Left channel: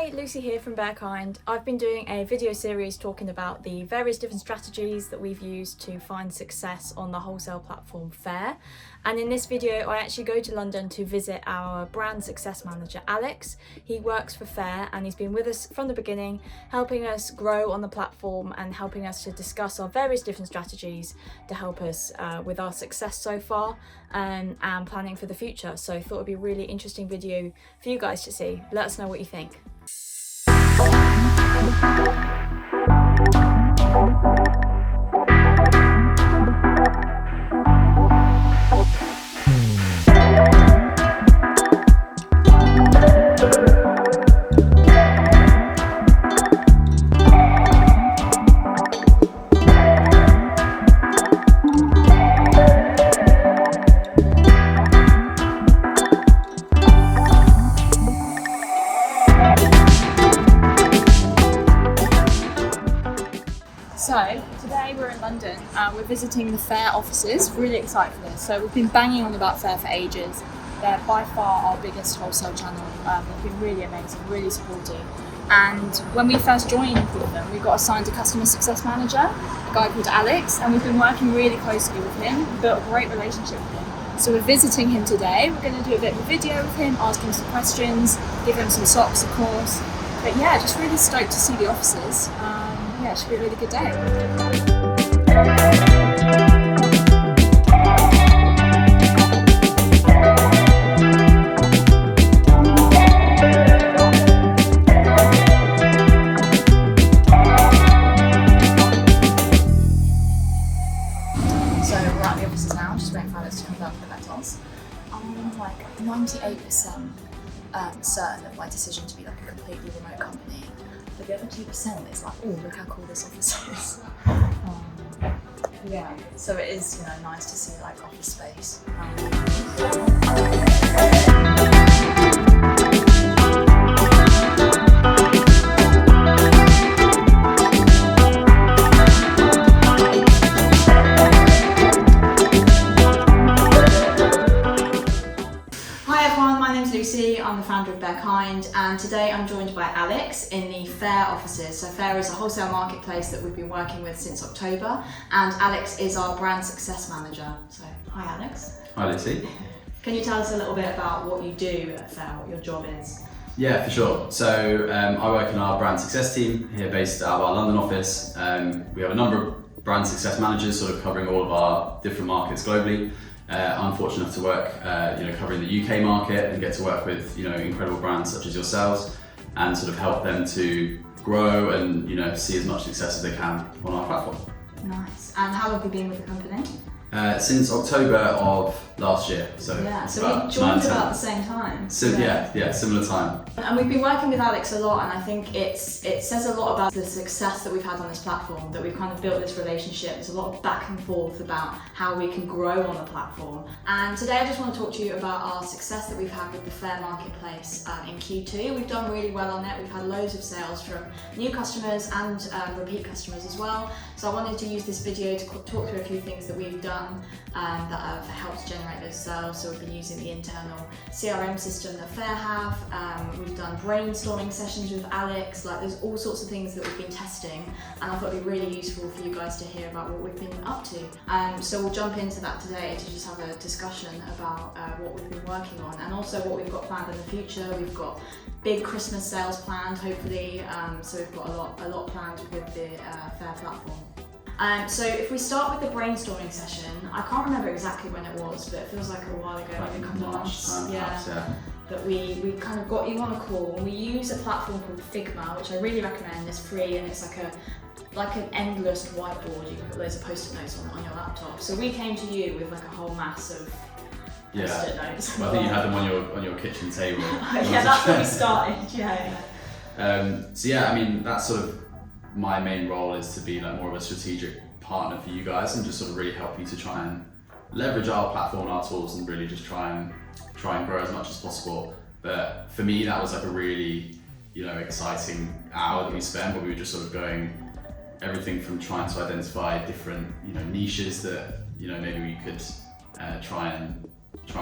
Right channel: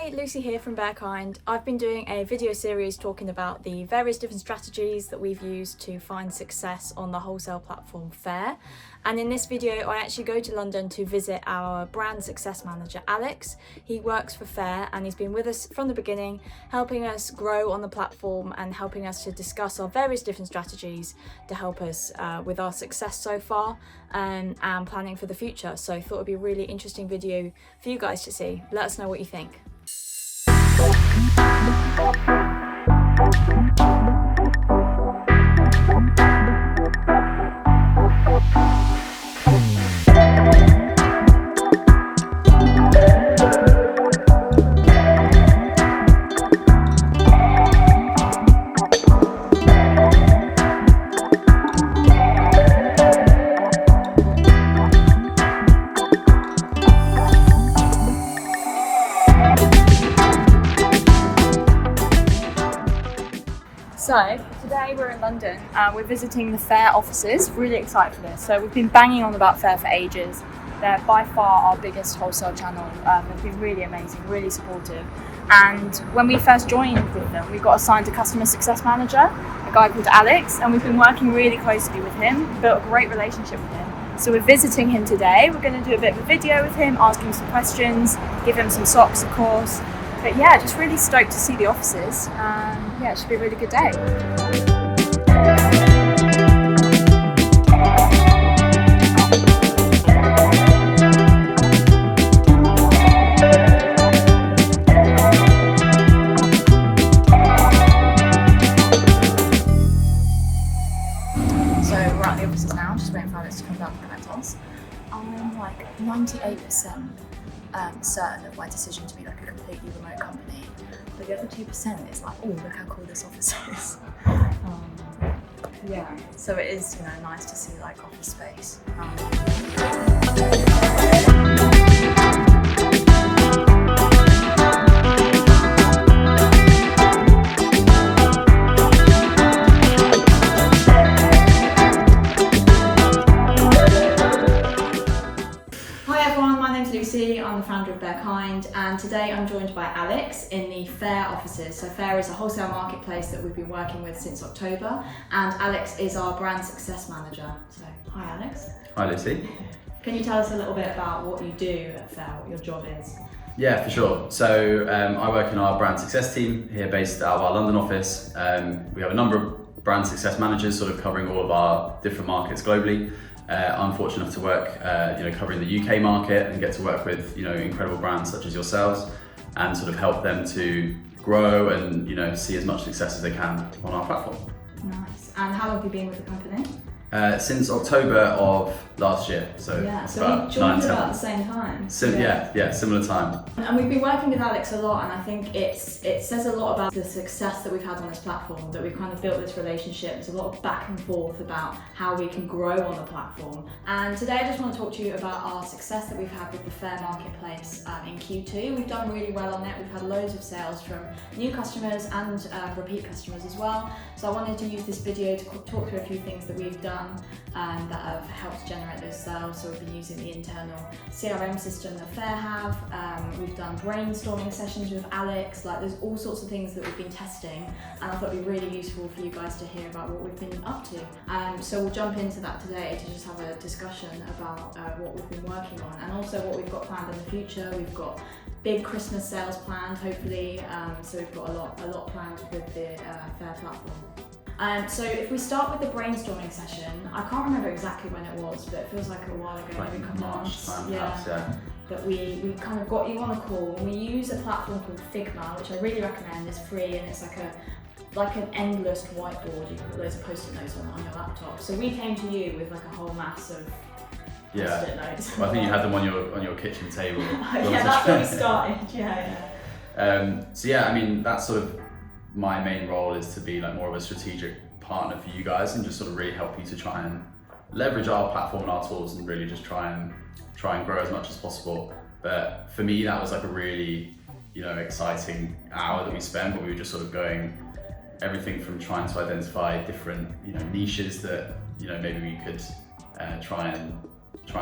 Hi, Lucy here from Bearkind. I've been doing a video series talking about the various different strategies that we've used to find success on the wholesale platform Faire. And in this video, I actually go to London to visit our brand success manager, Alex. He works for Faire and he's been with us from the beginning, helping us grow on the platform and helping us to discuss our various different strategies to help us with our success so far and planning for the future. So I thought it'd be a really interesting video for you guys to see. Let us know what you think. So today we're in London, we're visiting the Faire offices, really excited for this. So we've been banging on about Faire for ages. They're by far our biggest wholesale channel. They've been really amazing, really supportive. And when we first joined with them, we got assigned a customer success manager, a guy called Alex, and we've been working really closely with him, built a great relationship with him. So we're visiting him today. We're going to do a bit of a video with him, ask him some questions, give him some socks, of course. But yeah, just really stoked to see the offices. Yeah, it should be a really good day. So we're at the offices now, just waiting for Alex to come down and collect us. I'm like 98% certain of my decision to be like a completely remote company, but the other 2% is like, oh, look how cool this office is. Yeah, so it is, you know, nice to see like office space. I'm the founder of Bearkind, and today I'm joined by Alex in the Faire offices. So Faire is a wholesale marketplace that we've been working with since October, and Alex is our brand success manager. So hi Alex. Hi Lucy. Can you tell us a little bit about what you do at Faire, what your job is? Yeah, for sure. So I work in our brand success team here based out of our London office. We have a number of brand success managers sort of covering all of our different markets globally. I'm fortunate enough to work, covering the UK market and get to work with, incredible brands such as yourselves and sort of help them to grow and, see as much success as they can on our platform. Nice. And how long have you been with the company? Since October of last year. So yeah, so we joined about the same time. Yeah, similar time. And we've been working with Alex a lot, and I think it says a lot about the success that we've had on this platform, that we've kind of built this relationship. There's a lot of back and forth about how we can grow on the platform. And today I just want to talk to you about our success that we've had with the Faire Marketplace in Q2. We've done really well on it. We've had loads of sales from new customers and repeat customers as well. So I wanted to use this video to talk through a few things that we've done that have helped generate those sales. So we've been using the internal CRM system that Faire have. We've done brainstorming sessions with Alex. Like, there's all sorts of things that we've been testing, and I thought it'd be really useful for you guys to hear about what we've been up to. So we'll jump into that today to just have a discussion about what we've been working on and also what we've got planned in the future. We've got big Christmas sales planned, hopefully. So we've got a lot planned with the Faire platform. So if we start with the brainstorming session, I can't remember exactly when it was, but it feels like a while ago, maybe a couple of months. Yeah. But we kind of got you on a call, and we use a platform called Figma, which I really recommend. It's free, and it's like an endless whiteboard. You can put loads of post-it notes on your laptop. So we came to you with like a whole mass of post-it notes. Well, I think you had them on your kitchen table. Yeah, that's where we started. Yeah. So yeah, I mean, that's sort of my main role, is to be like more of a strategic partner for you guys and just sort of really help you to try and leverage our platform and our tools and really just try and grow as much as possible. But for me, that was like a really, exciting hour that we spent, where we were just sort of going everything from trying to identify different, niches that, maybe we could try and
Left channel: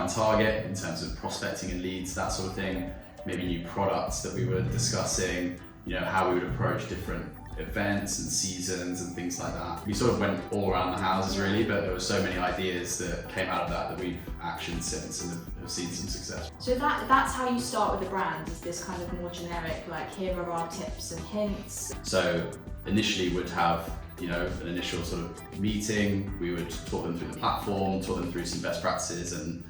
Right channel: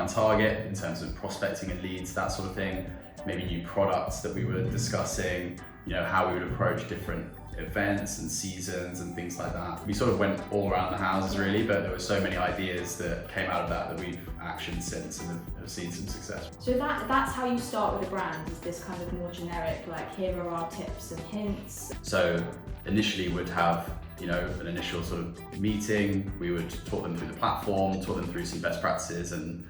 target in terms of prospecting and leads, that sort of thing. maybe new products that we were discussing, how we would approach different events and seasons and things like that. We sort of went all around the houses really, but there were so many ideas that came out of that we've actioned since and have seen some success. So that's how you start with a brand, is this kind of more generic, like here are our tips and hints. So initially we'd have an initial sort of meeting. We would talk them through the platform, talk them through some best practices and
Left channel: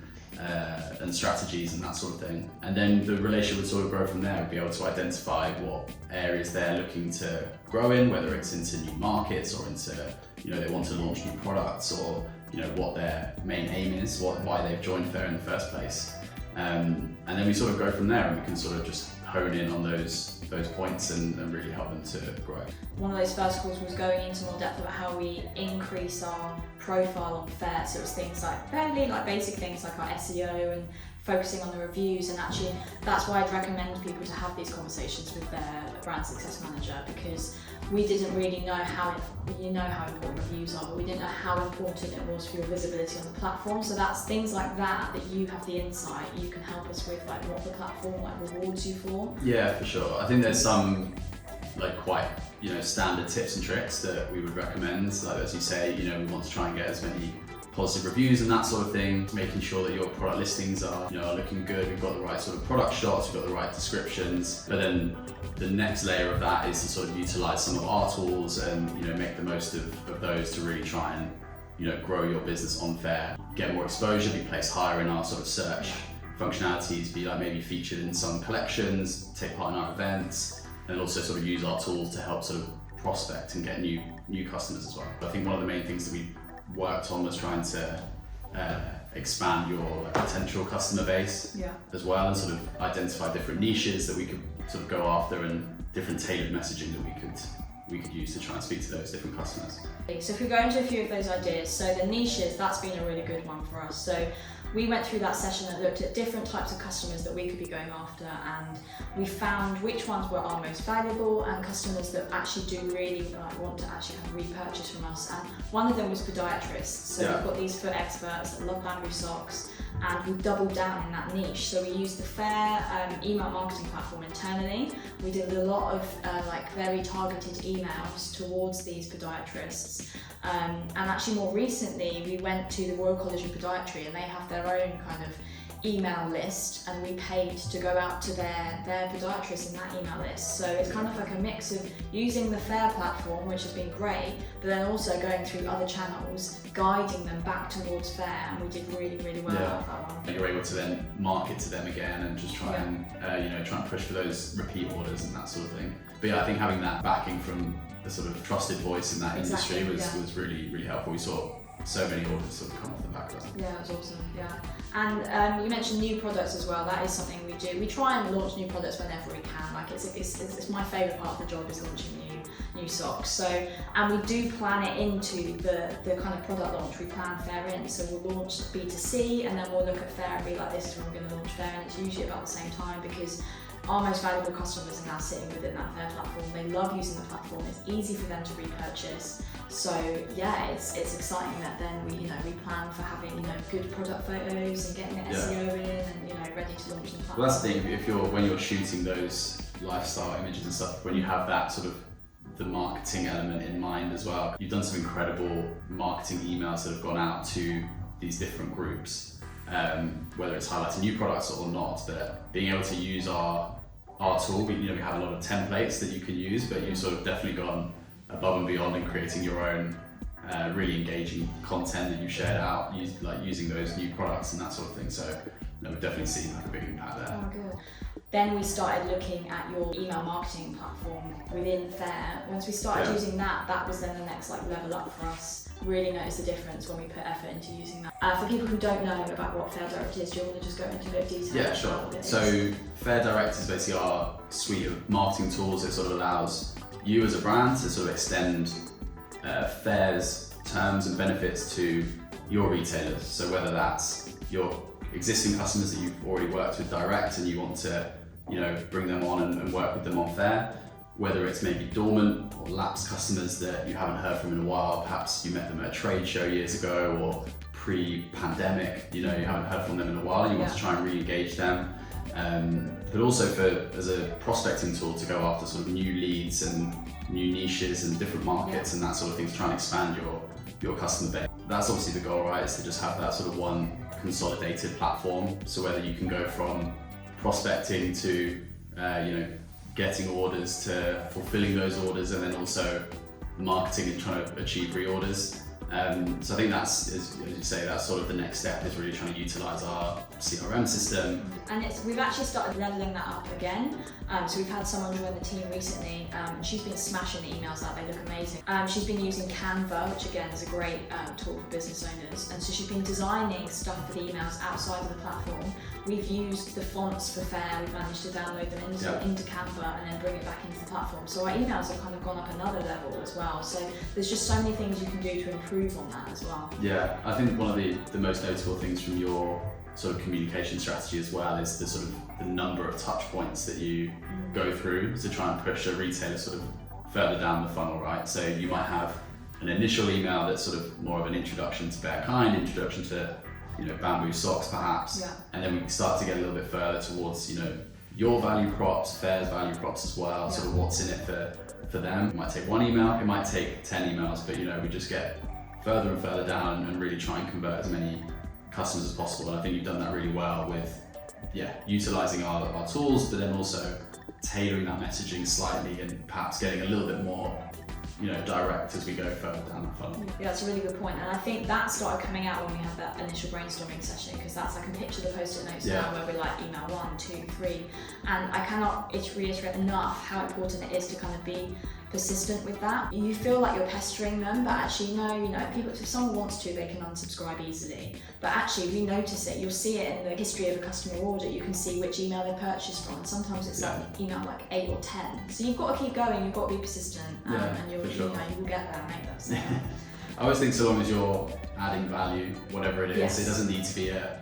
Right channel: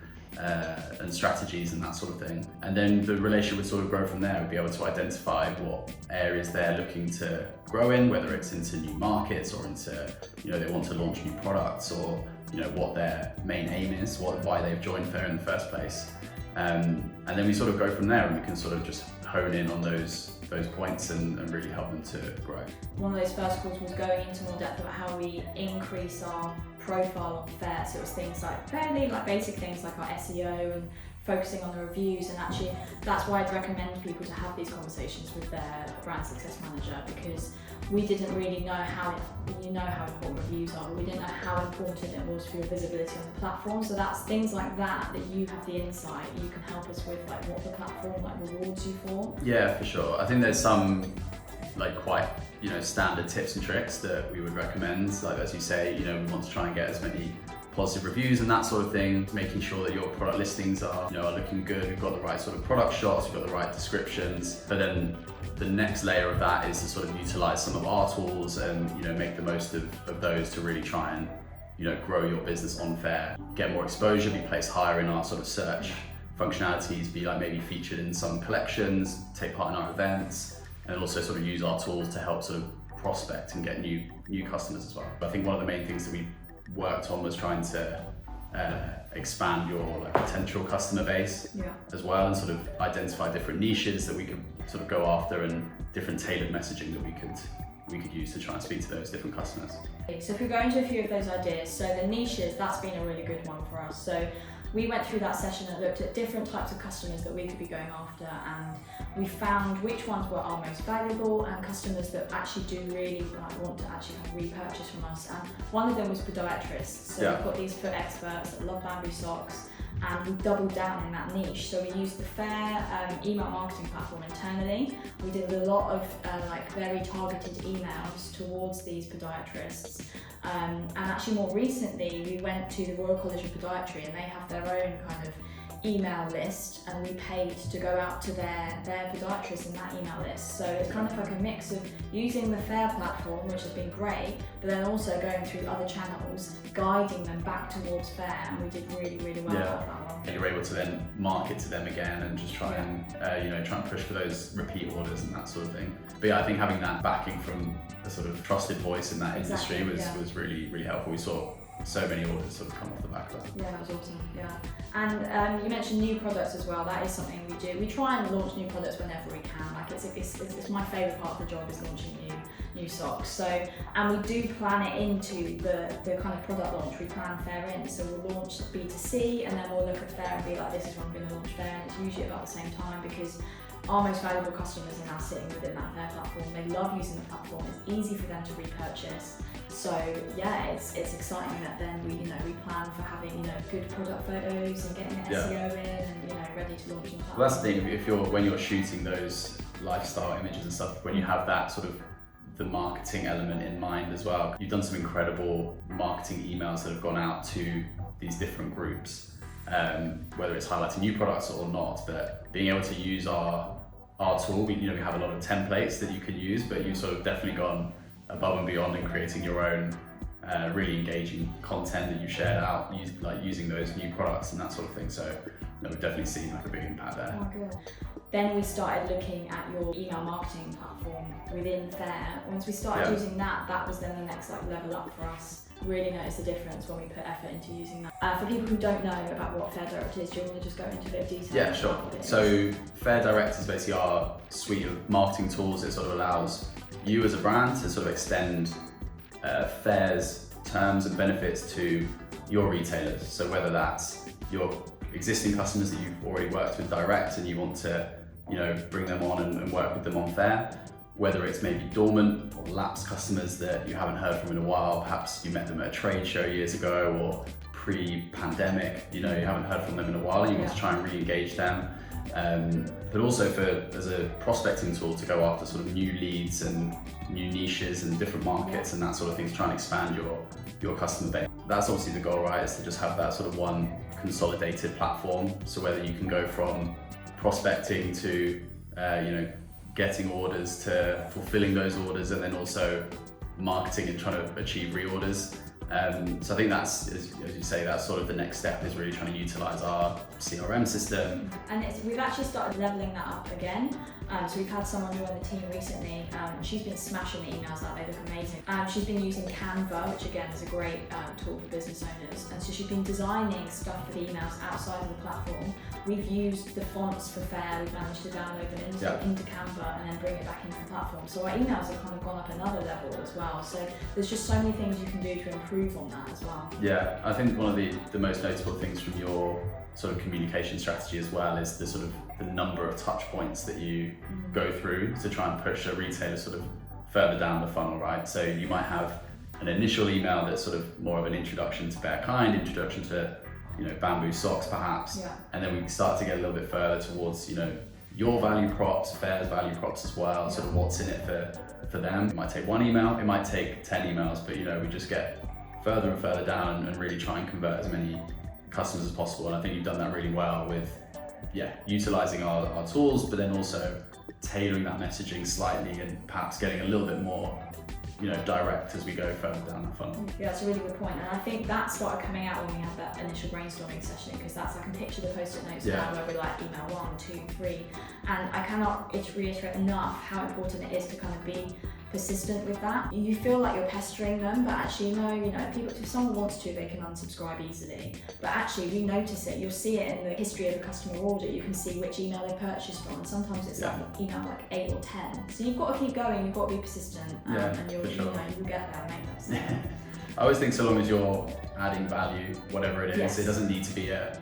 strategies and that sort of thing. And then the relationship would sort of grow from there. We'd be able to identify what areas they're looking to grow in, whether it's into new markets or into, they want to launch new products, or, what their main aim is, why they've joined Faire in the first place. And then we sort of go from there, and we can sort of just hone in on those points and really help them to grow. One of those first calls was going into more depth about how we increase our profile on Faire. So it was things like fairly basic things like our SEO and focusing on the reviews, and actually that's why I'd recommend people to have these conversations with their brand success manager, because we didn't really know how important reviews are, but we didn't know how important it was for your visibility on the platform. So that's things like that you have the insight, you can help us with what the platform rewards you for. Yeah, for sure. I think there's some quite standard tips and tricks that we would recommend. Like as you say, we want to try and get as many positive reviews and that sort of thing, making sure that your product listings are looking good, we've got the right sort of product shots, we've got the right descriptions. But then the next layer of that is to sort of utilize some of our tools and make the most of those to really try and grow your business on Faire, get more exposure, be placed higher in our sort of search functionalities, be maybe featured in some collections, take part in our events, and also sort of use our tools to help sort of prospect and get new customers as well. I think one of the main things that we worked on was trying to expand your potential customer base as well, and sort of identify different niches that we could sort of go after and different tailored messaging that we could use to try and speak to those different customers. So if we go into a few of those ideas, so the niches, that's been a really good one for us. So we went through that session that looked at different types of customers that we could be going after, and we found which ones were our most valuable and customers that actually do really want to actually repurchase from us. And one of them was podiatrists. So we've got these foot experts that love bamboo socks, and we doubled down in that niche. So we used the Faire email marketing platform internally. We did a lot of very targeted emails towards these podiatrists. And actually more recently, we went to the Royal College of Podiatry, and they have their own kind of email list, and we paid to go out to their podiatrists in that email list. So it's kind of like a mix of using the Faire platform, which has been great, but then also going through other channels, guiding them back towards Faire, and we did really, really well out of that one. You're able to then market to them again and just try and try and push for those repeat orders and that sort of thing. But I think having that backing from a sort of trusted voice in that industry was really, really helpful. We saw so many orders sort of come off the back of that. Yeah, it was awesome. Yeah, and you mentioned new products as well. That is something we do. We try and launch new products whenever we can. It's my favourite part of the job is launching new socks. So, and we do plan it into the kind of product launch. We plan Faire in. So we'll launch B2C, and then we'll look at Faire and be like, this is when we're going to launch Faire, and it's usually about the same time, because our most valuable customers are now sitting within that Faire platform. They love using the platform. It's easy for them to repurchase. So yeah, it's exciting that then we plan for having good product photos and getting the SEO in and ready to launch the platform. Well, that's the thing. When you're shooting those lifestyle images and stuff, when you have that sort of the marketing element in mind as well, you've done some incredible marketing emails that have gone out to these different groups, whether it's highlighting new products or not. But being able to use our tool, we have a lot of templates that you can use, but you've sort of definitely gone above and beyond in creating your own really engaging content that you shared out, using those new products and that sort of thing. So we've definitely seen a big impact there. Oh, good. Then we started looking at your email marketing platform within Faire. Once we started using that was then the next level up for us. Really notice the difference when we put effort into using that. For people who don't know about what Faire Direct is, do you want to just go into a bit of detail? Yeah, sure. So Faire Direct is basically our suite of marketing tools. It sort of allows you as a brand to sort of extend Faire's terms and benefits to your retailers. So whether that's your existing customers that you've already worked with direct and you want to bring them on and work with them on Faire, whether it's maybe dormant or lapsed customers that you haven't heard from in a while, perhaps you met them at a trade show years ago or pre-pandemic, you haven't heard from them in a while and you want to try and re-engage them. but also as a prospecting tool to go after sort of new leads and new niches and different markets and that sort of thing, to try and expand your customer base. That's obviously the goal, right? Is to just have that sort of one consolidated platform. So whether you can go from prospecting to getting orders, to fulfilling those orders, and then also marketing and trying to achieve reorders. So I think that's, as you say, that's sort of the next step, is really trying to utilize our CRM system. And we've actually started leveling that up again. So we've had someone join the team recently, and she's been smashing the emails out, they look amazing. She's been using Canva, which again is a great tool for business owners. And so she's been designing stuff for the emails outside of the platform. We've used the fonts for Faire, we've managed to download them into Canva and then bring it back into the platform. So our emails have kind of gone up another level as well. So there's just so many things you can do to improve on that as well. Yeah, I think one of the most notable things from your sort of communication strategy as well is the sort of the number of touch points that you go through to try and push a retailer sort of further down the funnel, right? So you might have an initial email that's sort of more of an introduction to Bear Kind, introduction to bamboo socks perhaps, and then we start to get a little bit further towards your value props, Faire's value props as well, sort of what's in it for them. It might take one email, it might take 10 emails, but we just get further and further down and really try and convert as many customers as possible. And I think you've done that really well with utilizing our tools, but then also tailoring that messaging slightly and perhaps getting a little bit more direct as we go further down the funnel. Yeah, that's a really good point. And I think that started coming out when we had that initial brainstorming session, because I can picture the post-it notes now where we're like email 1, 2, 3, and I cannot reiterate enough how important it is to kind of be persistent with that. You feel like you're pestering them, but actually if someone wants to, they can unsubscribe easily. But actually, you notice it, you'll see it in the history of a customer order. You can see which email they purchased from, and sometimes it's like email like 8 or 10. So you've got to keep going, you've got to be persistent, and you'll you will get there, mate. I always think so long as you're adding value, whatever it is, it doesn't need to be a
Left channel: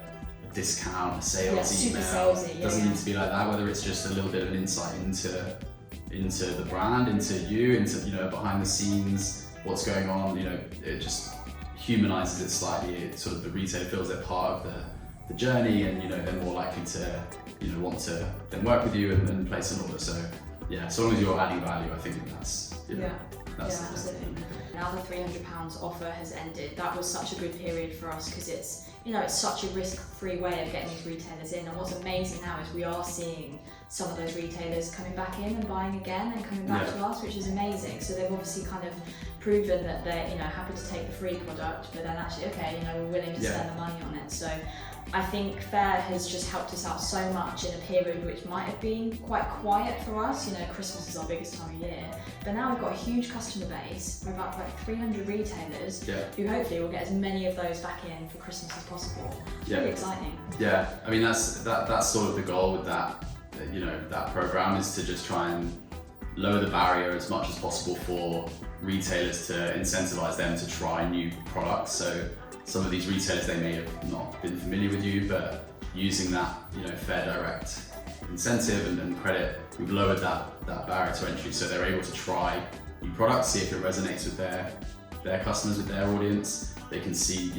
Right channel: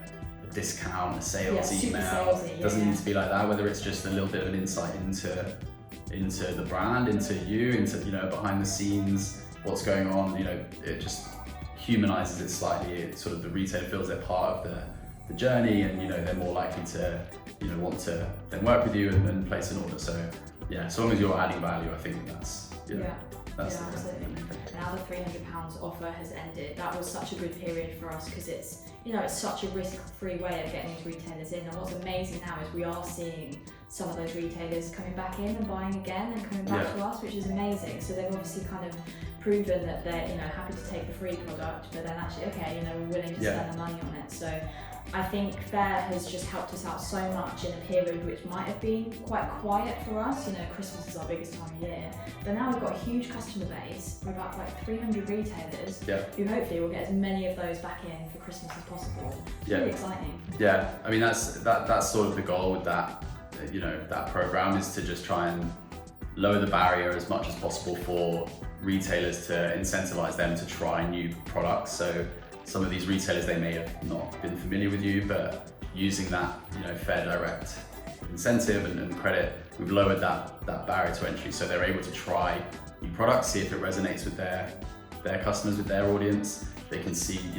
discount, a sales email. Salesy, doesn't need to be like that. Whether it's just a little bit of an insight into the brand, into behind the scenes, what's going on, it just humanizes it slightly. It sort of, the retailer feels they're part of the journey, and they're more likely to want to then work with you and place an order. So so long as you're adding value, I think that's absolutely. Now the £300 offer has ended. That was such a good period for us, because it's such a risk-free way of getting these retailers in. And what's amazing now is we are seeing some of those retailers coming back in and buying again and coming back to us, which is amazing. So they've obviously kind of proven that they're happy to take the free product, but then actually we're willing to spend the money on it. So I think Faire has just helped us out so much in a period which might have been quite quiet for us. Christmas is our biggest time of year, but now we've got a huge customer base. We're about like 300 retailers who hopefully will get as many of those back in for Christmas as possible. It's really exciting. Yeah, I mean that's sort of the goal with that that program, is to just try and lower the barrier as much as possible for retailers, to incentivize them to try new products. So some of these retailers, they may have not been familiar with you, but using that Faire Direct incentive and credit, we've lowered that barrier to entry, so they're able to try new products, see if it resonates with their customers, with their audience. They can see,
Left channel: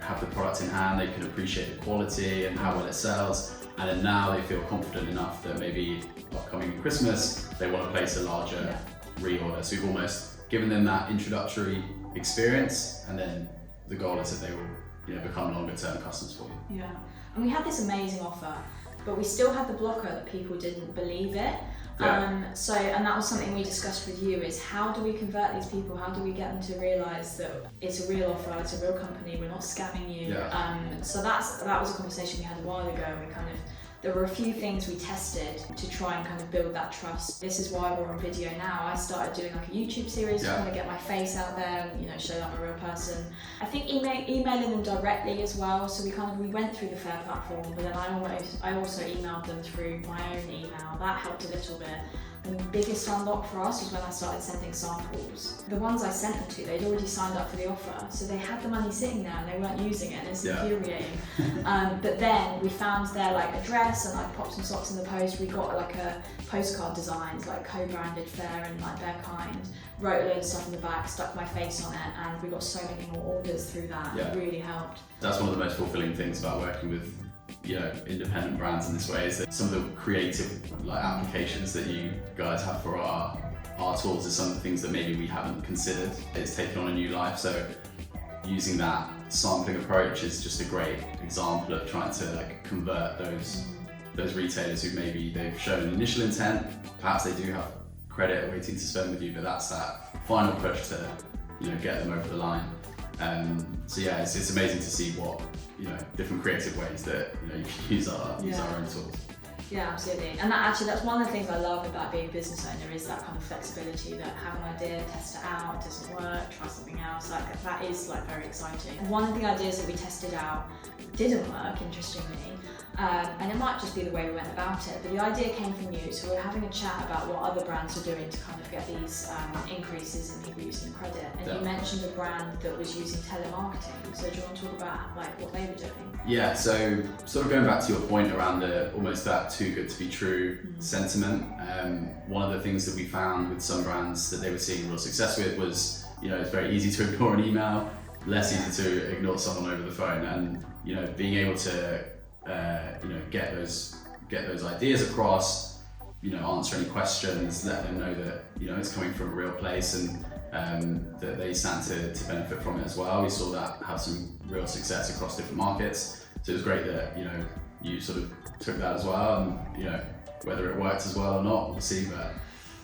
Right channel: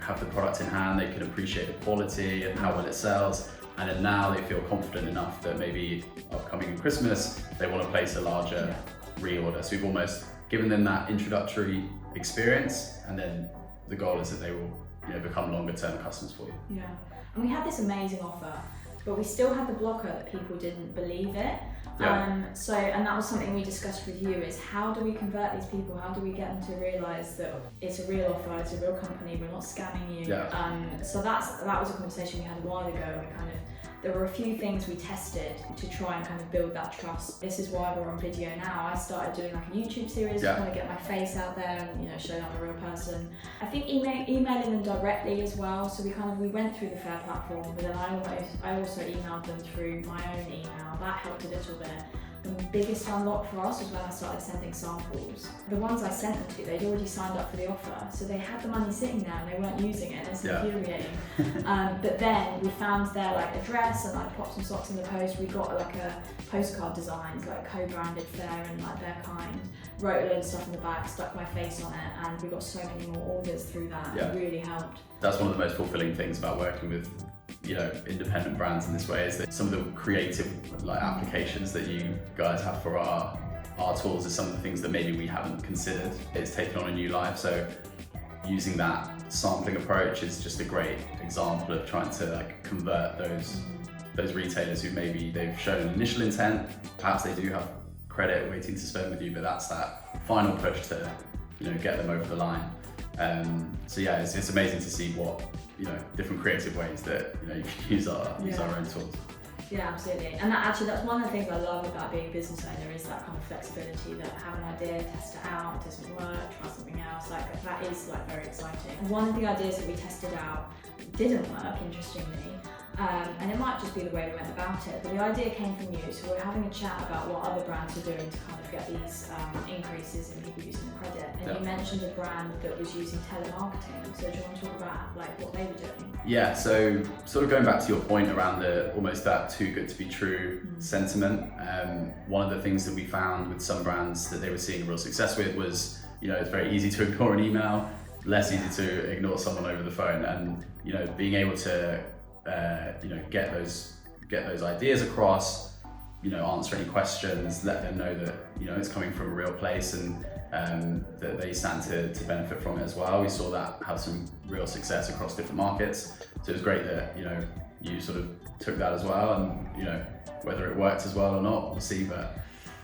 have the product in hand, they can appreciate the quality and how well it sells, and then now they feel confident enough that maybe upcoming in Christmas, they want to place a larger reorder. So we've almost given them that introductory experience, and then the goal is that they will become longer term customers for you. Yeah, and we had this amazing offer, but we still had the blocker that people didn't believe it. And that was something we discussed with you, is how do we convert these people? How do we get them to realise that it's a real offer, it's a real company, we're not scamming you? So that was a conversation we had a while ago. There were a few things we tested to try and kind of build that trust. This is why we're on video now. I started doing like a YouTube series to kind of get my face out there and show that I'm a real person. I think emailing them directly as well. So we went through the Faire platform, but then I also emailed them through my own email. That helped a little bit. And the biggest unlock for us was when I started sending samples. The ones I sent them to, they'd already signed up for the offer, so they had the money sitting there and they weren't using it. It's infuriating. But then we found their address and popped some socks in the post. We got a postcard designed, co-branded Faire and Bear Kind. Wrote a load of stuff on the back, stuck my face on it, and we got so many more orders through that. It really helped. That's one of the most fulfilling things about working with independent brands in this way is that some of the creative applications that you guys have for our tools is some of the things that maybe we haven't considered. It's taken on a new life, so using that sampling approach is just a great example of trying to convert those retailers who maybe they've shown an initial intent, perhaps they do have credit waiting to spend with you, but that's that final push to get them over the line. So yeah, it's amazing to see what different creative ways that you can use our own tools. Yeah, absolutely. And that's one of the things I love about being a business owner is that kind of flexibility, that have an idea, test it out, doesn't work, try something else. That is very exciting. One of the ideas that we tested out didn't work, interestingly, and it might just be the way we went about it, but the idea came from you. So we're having a chat about what other brands are doing to kind of get these increases in people using credit. And you mentioned a brand that was using telemarketing. So do you want to talk about what they were doing? Yeah, so sort of going back to your point around almost that too good to be true sentiment, one of the things that we found with some brands that they were seeing real success with was, it's very easy to ignore an email, less easy to ignore someone over the phone, and being able to get those ideas across, answer any questions, let them know that it's coming from a real place and that they stand to benefit from it as well. We saw that have some real success across different markets, so it was great that you sort of took that as well, and whether it worked as well or not, we'll see. But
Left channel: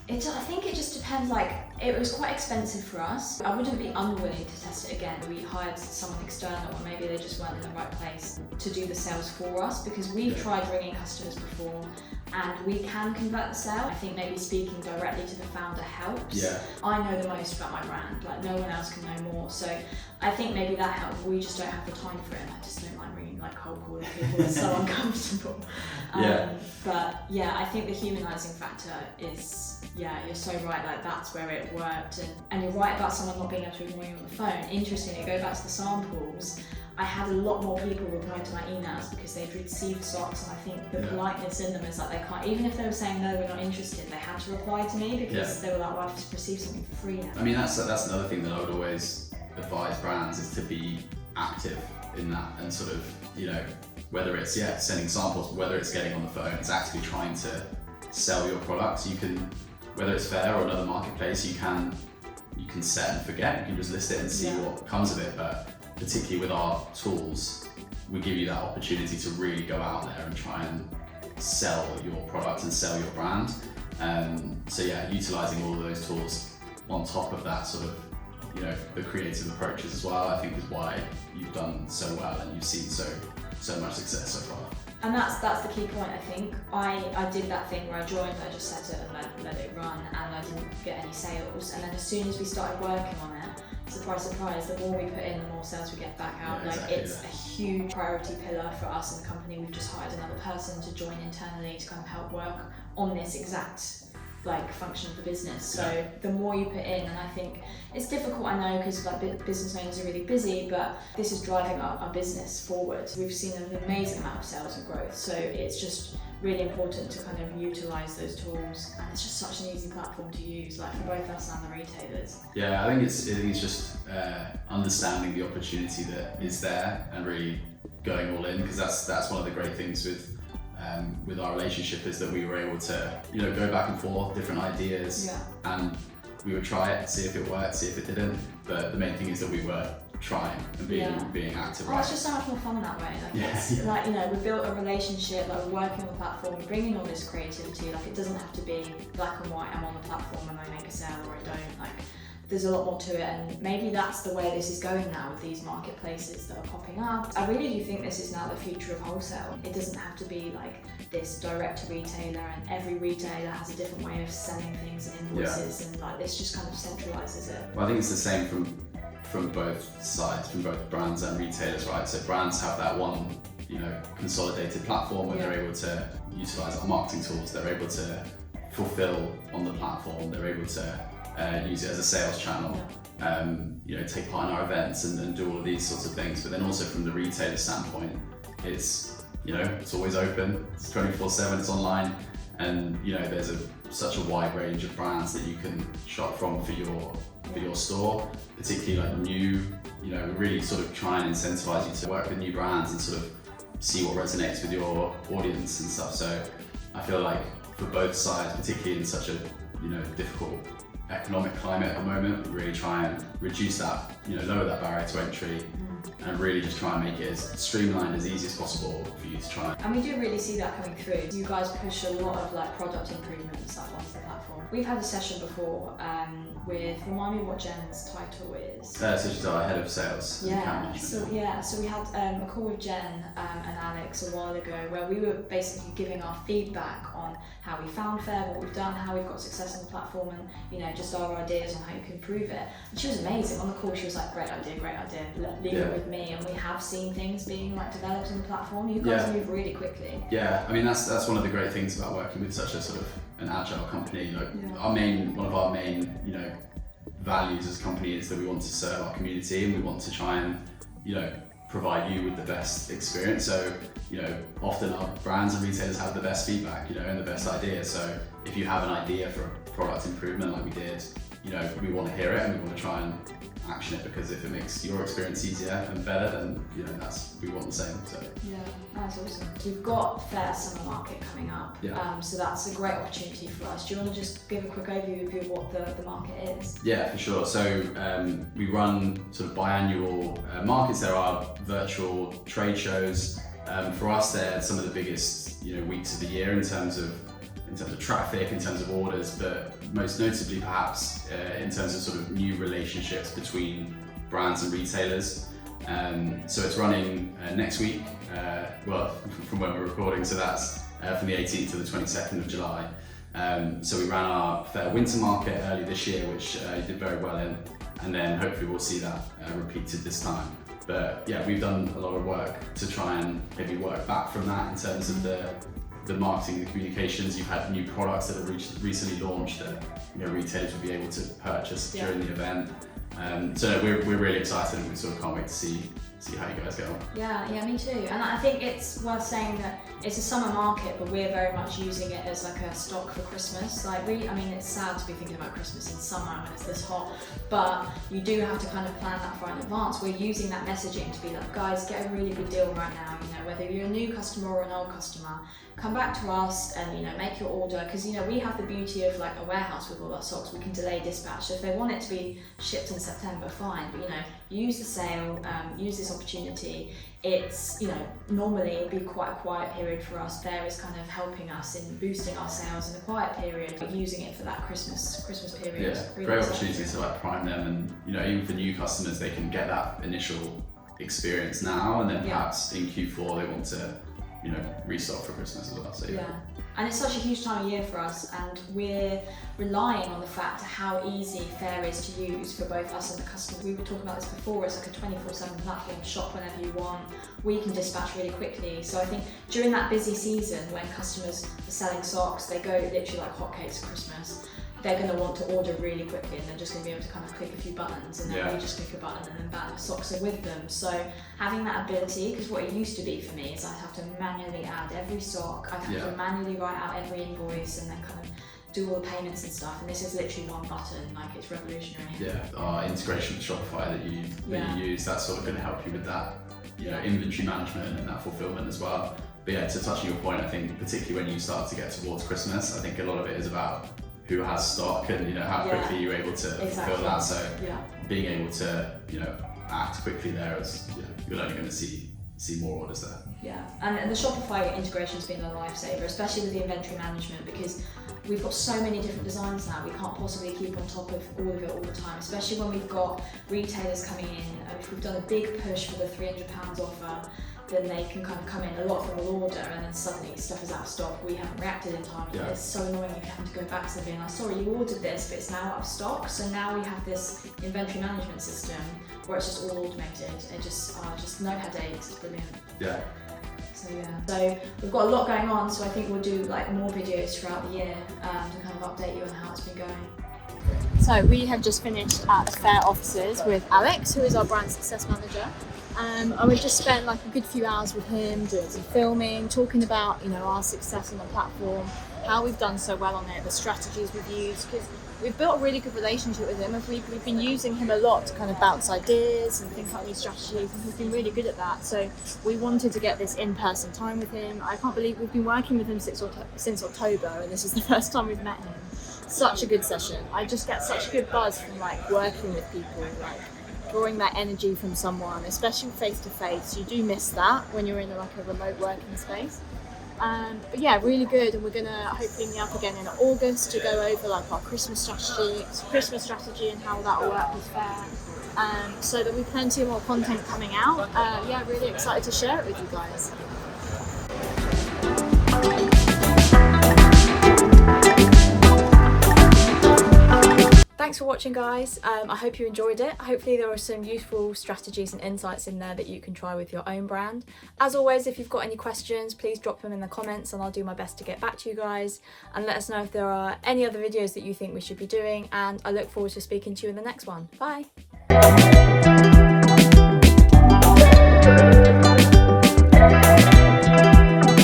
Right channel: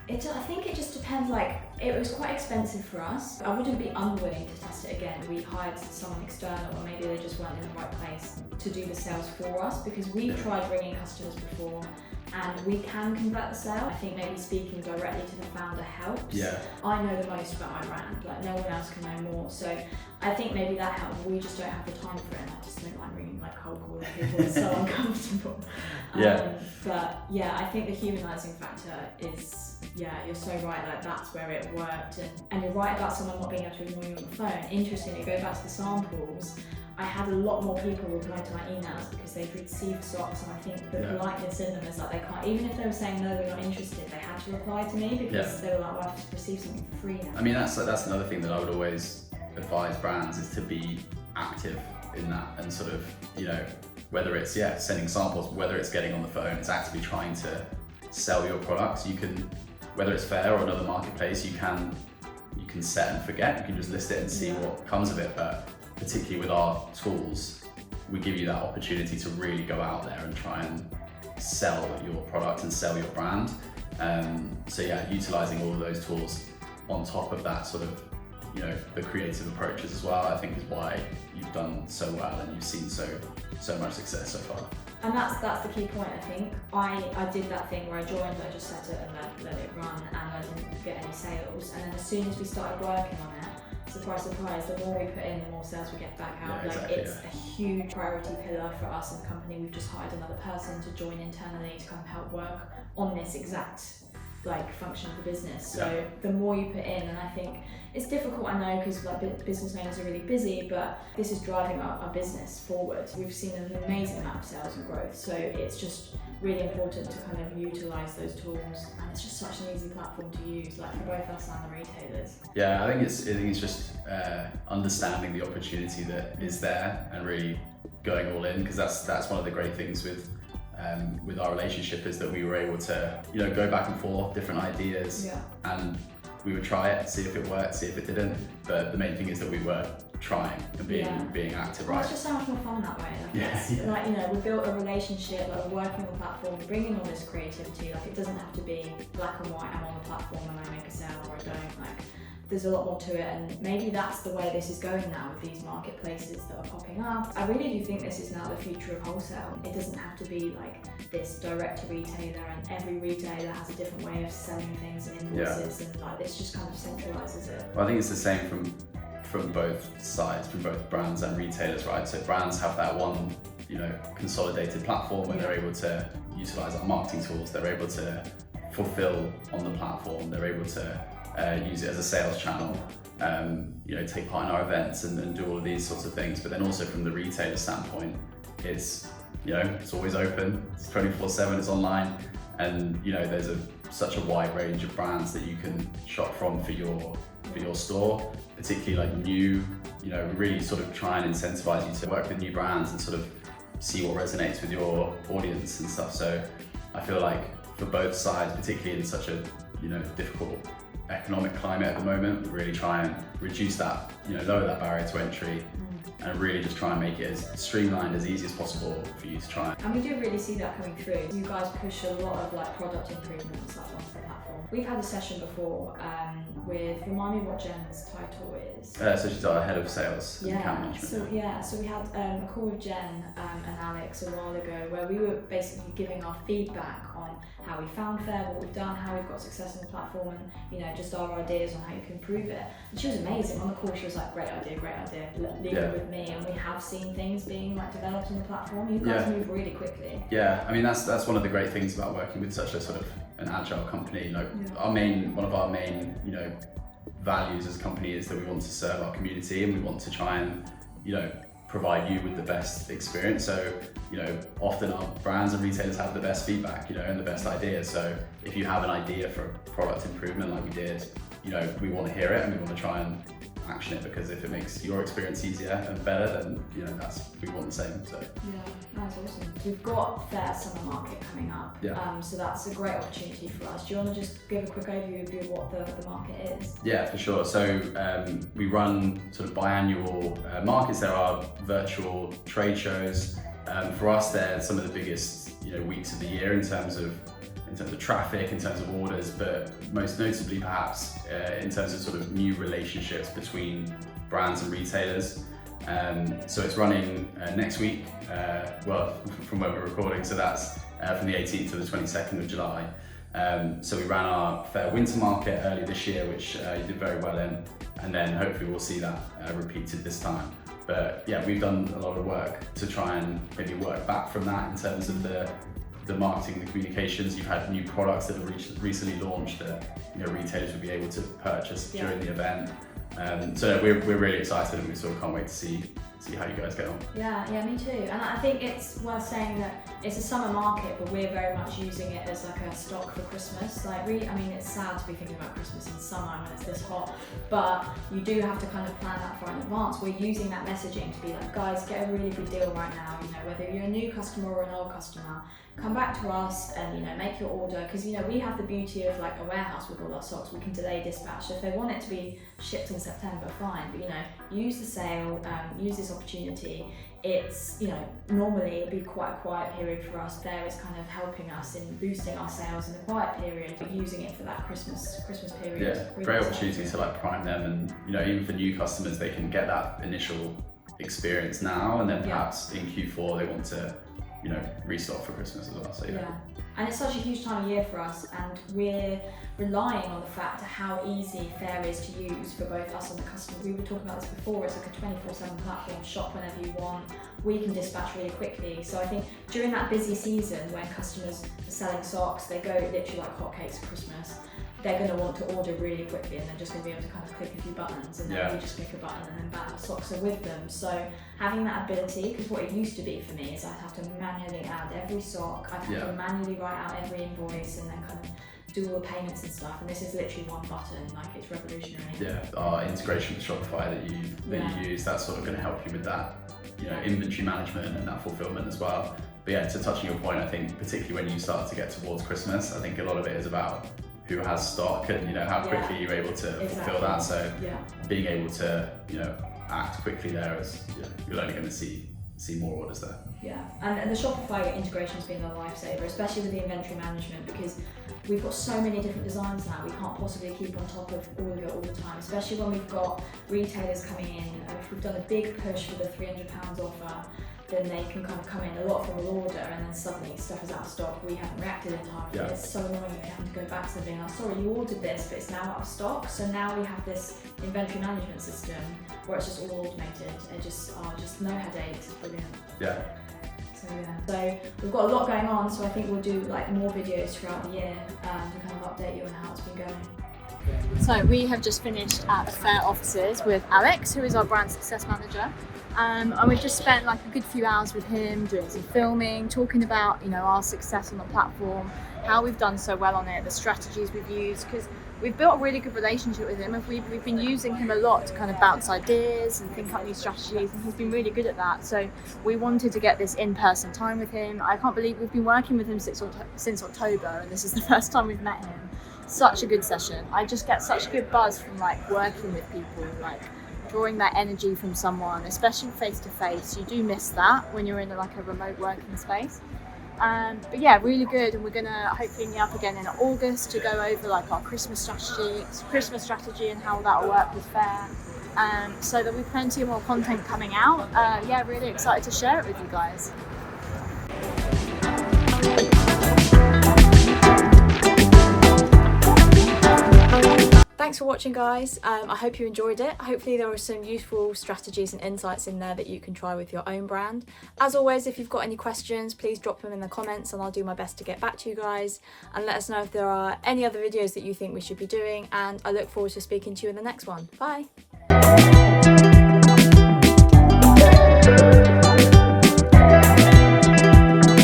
I think it just depends. It was quite expensive for us. I wouldn't be unwilling to test it again. We hired someone external, or maybe they just weren't in the right place to do the sales for us, because we've tried bringing customers before and we can convert the sale. I think maybe speaking directly to the founder helps. Yeah. I know the most about my brand, no one else can know more. So I think maybe that helps. We just don't have the time for it, and I just don't mind ringing cold calling people. It's so uncomfortable. But yeah, I think the humanising factor is, you're so right, that's where it worked. And you're right about someone not being able to ignore you on the phone. Interestingly, go back to the samples, I had a lot more people reply to my emails because they'd received stocks, and I think the politeness in them is they can't, even if they were saying no, we're not interested, they had to reply to me because they were well, I've received something for free now. I mean, that's another thing that I would always advise brands is to be active in that, and sort of, whether it's sending samples, whether it's getting on the phone, it's actively trying to sell your products. You can, whether it's Faire or another marketplace, you can set and forget, you can just list it and see what comes of it. But particularly with our tools, we give you that opportunity to really go out there and try and sell your product and sell your brand. So utilising all of those tools on top of that sort of, the creative approaches as well, I think is why you've done so well and you've seen so much success so far. And that's the key point, I think. I did that thing where I joined, I just set it and let it run, and I didn't get any sales. And then as soon as we started working on it, surprise, surprise, the more we put in, the more sales we get back out. It's a huge priority pillar for us in the company. We've just hired another person to join internally to kind of help work on this exact function of the business. So the more you put in, and I think it's difficult, I know, because business owners are really busy, but this is driving our business forward. We've seen an amazing amount of sales and growth, so it's just really important to kind of utilise those tools, and it's just such an easy platform to use, for both us and the retailers. Yeah, I think it's just understanding the opportunity that is there and really going all in, because that's one of the great things with our relationship, is that we were able to go back and forth, different ideas, and we would try it, see if it worked, see if it didn't, but the main thing is that we were trying and being active. Well, it's just so much more fun that way. We built a relationship, we're working on the platform, we're bringing all this creativity, it doesn't have to be black and white, I'm on the platform and I make a sale or I don't. There's a lot more to it, and maybe that's the way this is going now with these marketplaces that are popping up. I really do think this is now the future of wholesale. It doesn't have to be this direct to retailer, and every retailer has a different way of selling things and invoices, and this just kind of centralizes it. Well, I think it's the same from both sides, from both brands and retailers, right? So brands have that one, consolidated platform where they're able to utilize our marketing tools, they're able to fulfill on the platform, they're able to use it as a sales channel, take part in our events and do all of these sorts of things. But then also from the retailer standpoint, it's it's always open, it's 24/7, it's online, and there's such a wide range of brands that you can shop from for your store, particularly new. We really sort of try and incentivize you to work with new brands and sort of see what resonates with your audience and stuff. So I feel like for both sides, particularly in such a difficult economic climate at the moment, really try and reduce that, lower that barrier to entry, and really just try and make it as streamlined, as easy as possible for you to try. And we do really see that coming through. You guys push a lot of like product improvements like onto the platform. We've had a session before with, remind me what Jen's title is. So she's our head of sales and account management. So we had a call with Jen and Alex a while ago where we were basically giving our feedback on how we found Faire, what we've done, how we've got success on the platform, and just our ideas on how you can improve it. And she was amazing. On the call, she was like, great idea, leave it with me. And we have seen things being like developed in the platform. You guys move really quickly. Yeah, I mean that's one of the great things about working with such a sort of an agile company. Like one of our main values as a company is that we want to serve our community, and we want to try and provide you with the best experience. So often our brands and retailers have the best feedback, and the best ideas. So if you have an idea for a product improvement like we did, we want to hear it and we want to try and action it, because if it makes your experience easier and better, then we want the same. So that's awesome. We've got Faire Summer Market coming up, so that's a great opportunity for us. Do you want to just give a quick overview of what the market is? Yeah, for sure. So we run sort of biannual markets. There are virtual trade shows. For us, they're some of the biggest weeks of the year in terms of traffic, in terms of orders, but most notably perhaps in terms of sort of new relationships between brands and retailers. So it's running next week, from when we're recording, so that's from the 18th to the 22nd of July. So we ran our Faire Winter Market early this year, which you did very well in, and then hopefully we'll see that repeated this time. But yeah, we've done a lot of work to try and maybe work back from that in terms of the marketing, the communications. You've had new products that have recently launched that retailers will be able to purchase during the event. So we're really excited, and we sort of can't wait to see how you guys get on. Yeah, me too. And I think it's worth saying that it's a summer market, but we're very much using it as like a stock for Christmas. It's sad to be thinking about Christmas in summer when it's this hot, but you do have to kind of plan that far in advance. We're using that messaging to be like, guys, get a really good deal right now. Whether you're a new customer or an old customer, come back to us and make your order, because we have the beauty of like a warehouse with all our stocks. We can delay dispatch, so if they want it to be shipped in September, fine, but use the sale, use this opportunity. It's normally it'd be quite a quiet period for us. Faire is kind of helping us in boosting our sales in a quiet period, but using it for that Christmas period. Yeah, really great opportunity to like prime them, and even for new customers, they can get that initial experience now, and then perhaps in Q4 they want to restock for Christmas as well. So and it's such a huge time of year for us, and we're relying on the fact how easy Faire is to use for both us and the customer. We were talking about this before. It's like a 24/7 platform. Shop whenever you want. We can dispatch really quickly. So I think during that busy season when customers are selling socks, they go literally like hotcakes at Christmas. They're going to want to order really quickly, and they're just going to be able to kind of click a few buttons, and then you just click a button and then bam, the socks are with them. So having that ability, because what it used to be for me is I'd have to manually add every sock, I'd have to manually write out every invoice and then kind of do all the payments and stuff, and this is literally one button. Like, it's revolutionary. Yeah, our integration with Shopify that you use, that's sort of going to help you with that inventory management and that fulfillment as well. But yeah, to touch on your point, I think particularly when you start to get towards Christmas, I think a lot of it is about who has stock and how quickly you're able to fulfill that. So being able to act quickly there, is you're only going to see more orders there. Yeah, and the Shopify integration has been a lifesaver, especially with the inventory management, because we've got so many different designs now. We can't possibly keep on top of all of it all the time, especially when we've got retailers coming in. And if we've done a big push for the £300 offer, then they can kind of come in, a lot of them will order, and then suddenly stuff is out of stock. We haven't reacted in time. Yeah. It's so annoying if you have to go back to them being like, sorry, you ordered this, but it's now out of stock. So now we have this inventory management system where it's just all automated. It just no headaches. It's brilliant. Yeah. So we've got a lot going on. So I think we'll do like more videos throughout the year to kind of update you on how it's been going. So we have just finished at the Faire offices with Alex, who is our brand success manager. And we've just spent like a good few hours with him doing some filming, talking about our success on the platform, how we've done so well on it, the strategies we've used, because we've built a really good relationship with him. We've been using him a lot to kind of bounce ideas and think up new strategies, and he's been really good at that. So we wanted to get this in-person time with him. I can't believe we've been working with him since October, and this is the first time we've met him. Such a good session. I just get such a good buzz from like working with people, like drawing that energy from someone, especially face to face. You do miss that when you're in like a remote working space. But yeah, really good, and we're gonna hopefully meet up again in August to go over like our Christmas strategy and how that will work with Faire. So there'll be plenty more content coming out. Yeah, really excited to share it with you guys. Thanks for watching, guys. I hope you enjoyed it. Hopefully there were some useful strategies and insights in there that you can try with your own brand. As always, if you've got any questions, please drop them in the comments and I'll do my best to get back to you guys, and let us know if there are any other videos that you think we should be doing, and I look forward to speaking to you in the next one. Bye.